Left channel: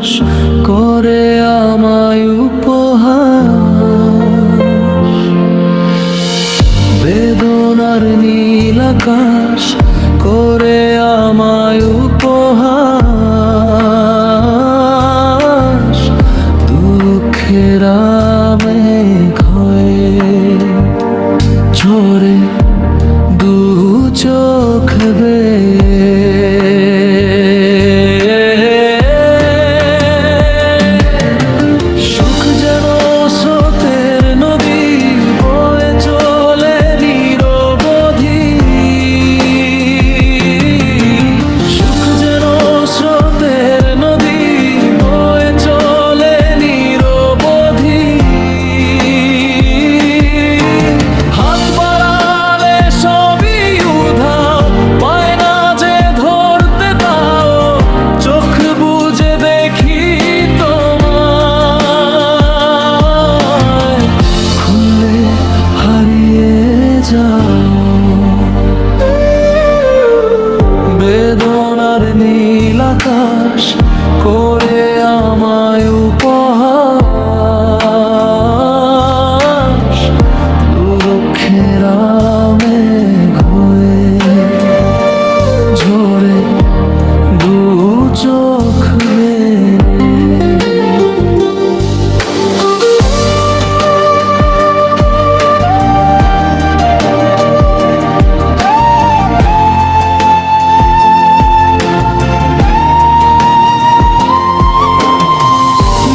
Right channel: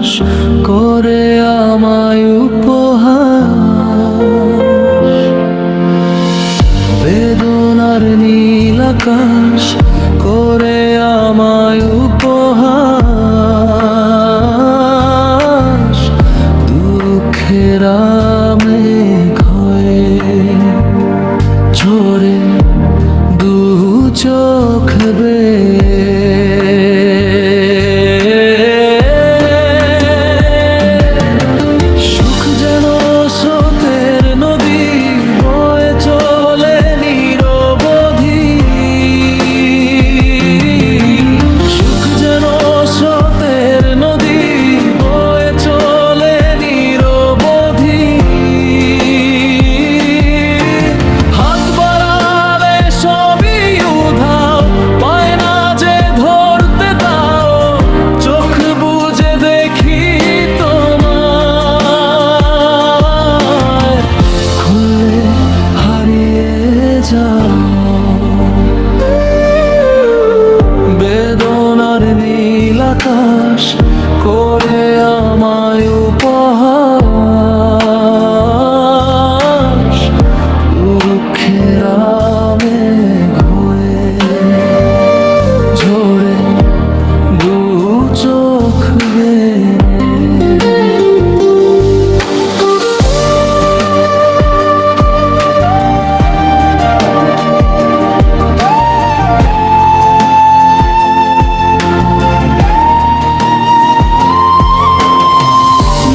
আকাশ করে আমায় উপহাস, বেদনার নীল আকাশ করে আমায় উপহাস, দুঃখের মেঘ হয়ে ঝরে দু চোখ বেয়ে। সুখ যেন স্রোতের নদী বয়ে চলে নিরবধি, সুখ যেন স্রোতের নদী বয়ে চলে নিরবধি। হাত বাড়ালে সবই উধাও, পায় না যে ধরতে তাও, চোখ বুজে দেখি তোমায়, খুললে হারিয়ে যাও। বেদনার নীল আকাশ করে আমায় উপহাস, দুঃখের মেঘ হয়ে ঝরে দু চোখ বেয়ে।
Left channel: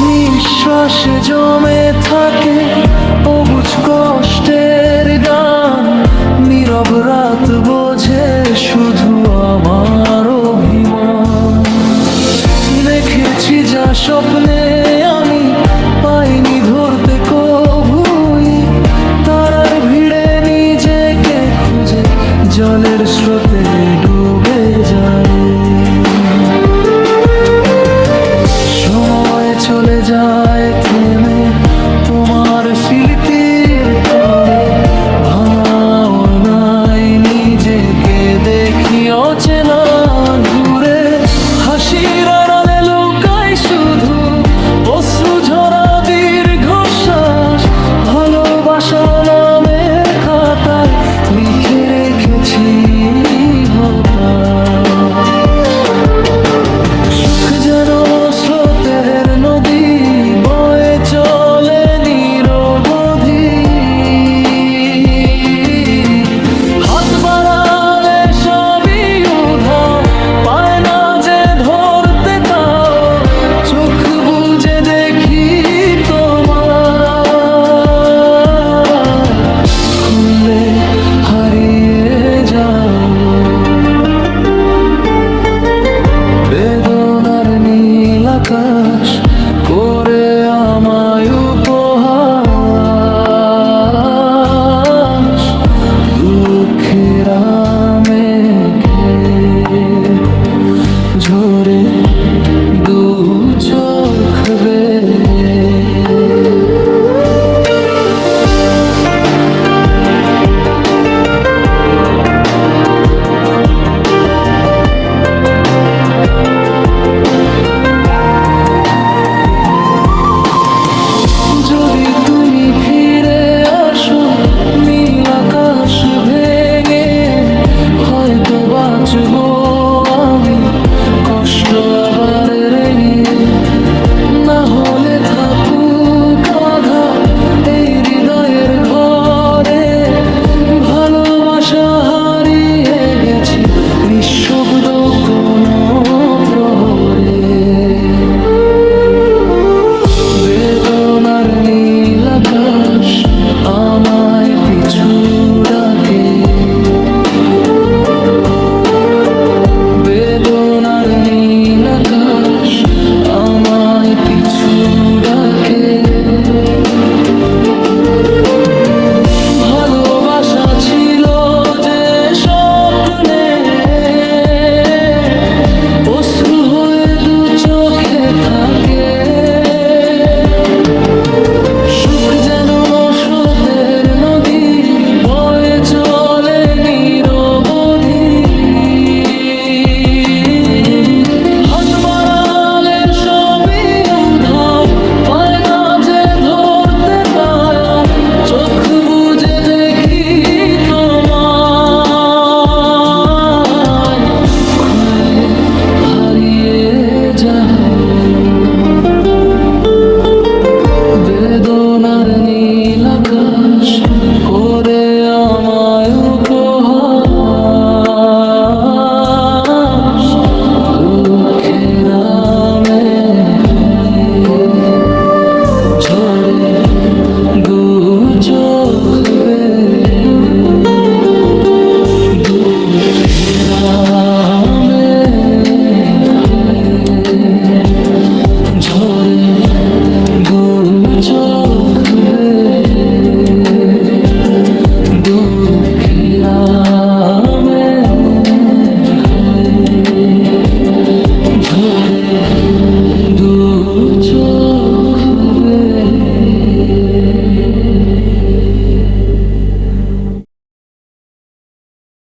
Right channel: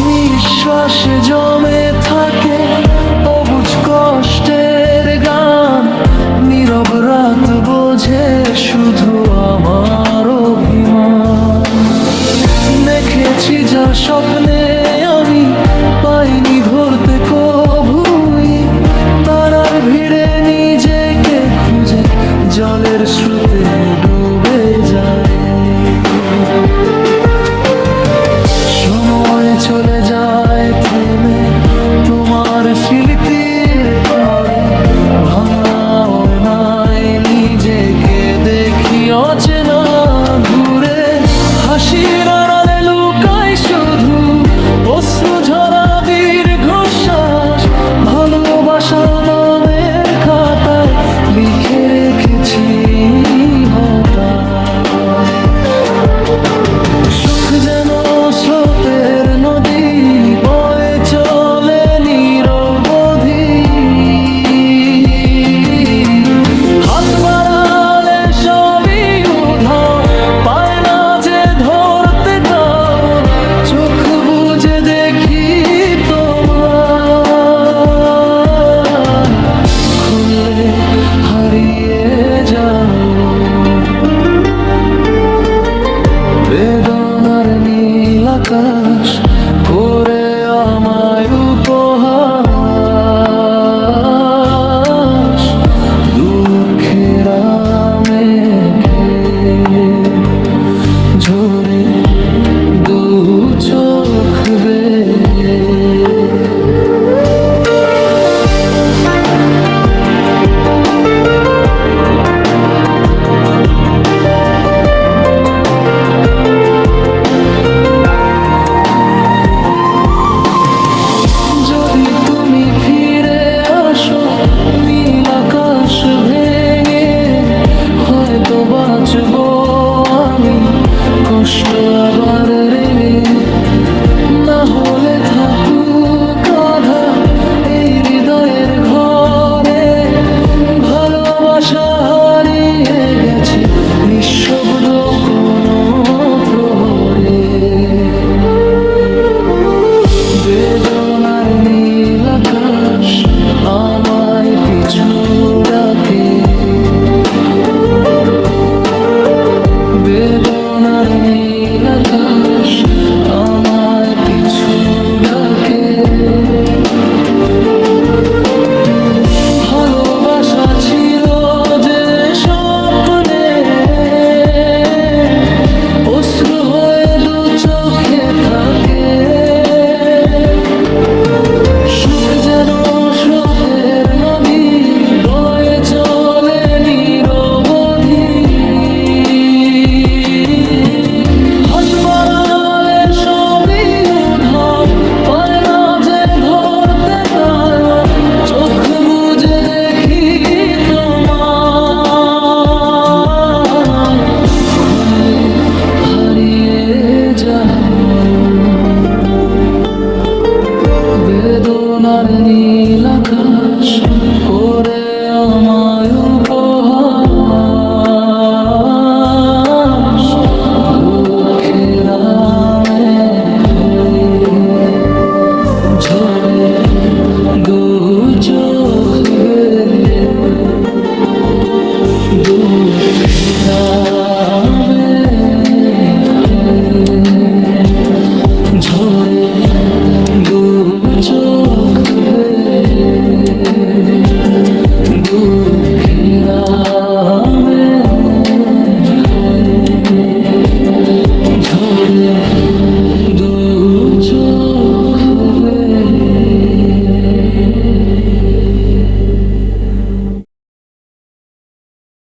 নিঃশ্বাসে জমে থাকে অবুঝ কষ্টের গান, নীরব রাত বোঝে শুধু আমার অভিমান। দেখেছি যা স্বপ্নে আমি পাইনি ধরতে কভুই, তারার ভিড়ে নিজেকে খুঁজে জলের স্রোতে ডুবে যায়। সময় চলে যায় থেমে তোমার স্মৃতির পরে, ভাঙা নাই নিজেকে দেখি অচেনা ঘুরে। হাসির আড়ালে লুকাই শুধু অশ্রু ঝরা দীর্ঘশ্বাস, ভালোবাসা নামের খাতায় লিখে রেখেছি হতাশ। সুখ যেন স্রোতের নদী বয়ে চলে নিরবধি, হাত বাড়ালে সবই উধাও, পায় না যে ধরতে তাও, চোখ বুজে দেখি তোমায়, খুললে হারিয়ে যাও। বেদনার নীল আকাশ করে আমায় উপহাস, দুঃখের মেঘে ঝরে দু চোখ বেয়ে। যদি তুমি ফিরে আসো নীল আকাশ ভেঙে, হয়তো বাঁচবো আমি কষ্ট আবার রেঙে। না হলে থাকুক আঁধার এই হৃদয়ের ঘরে, ভালোবাসা হারিয়ে গেছে নিঃশব্দ কোনো প্রহরে। বেদনার নীল আকাশ আমায় পিছু ডাকে, বেদনার নীল আকাশ আমায় পিছু ডাকে। ভালোবাসা ছিল যে স্বপ্নে, অশ্রু হয়ে দু চোখে থাকে। সুখ যেন স্রোতের নদী বয়ে চলে নিরবধি, হাত বাড়ালে সবই চোখ বুজে দেখি তোমায়, খুললে হারিয়ে যাও। বেদনার নীল আকাশ করে আমায় উপহাস, দুঃখের মেঘ হয়ে ঝরে দু চোখ বেয়ে, দুঃখের মেঘ হয়ে ঝরে দু চোখ বেয়ে, দুঃখের মেঘ হয়ে ঝরে দু চোখ বেয়ে।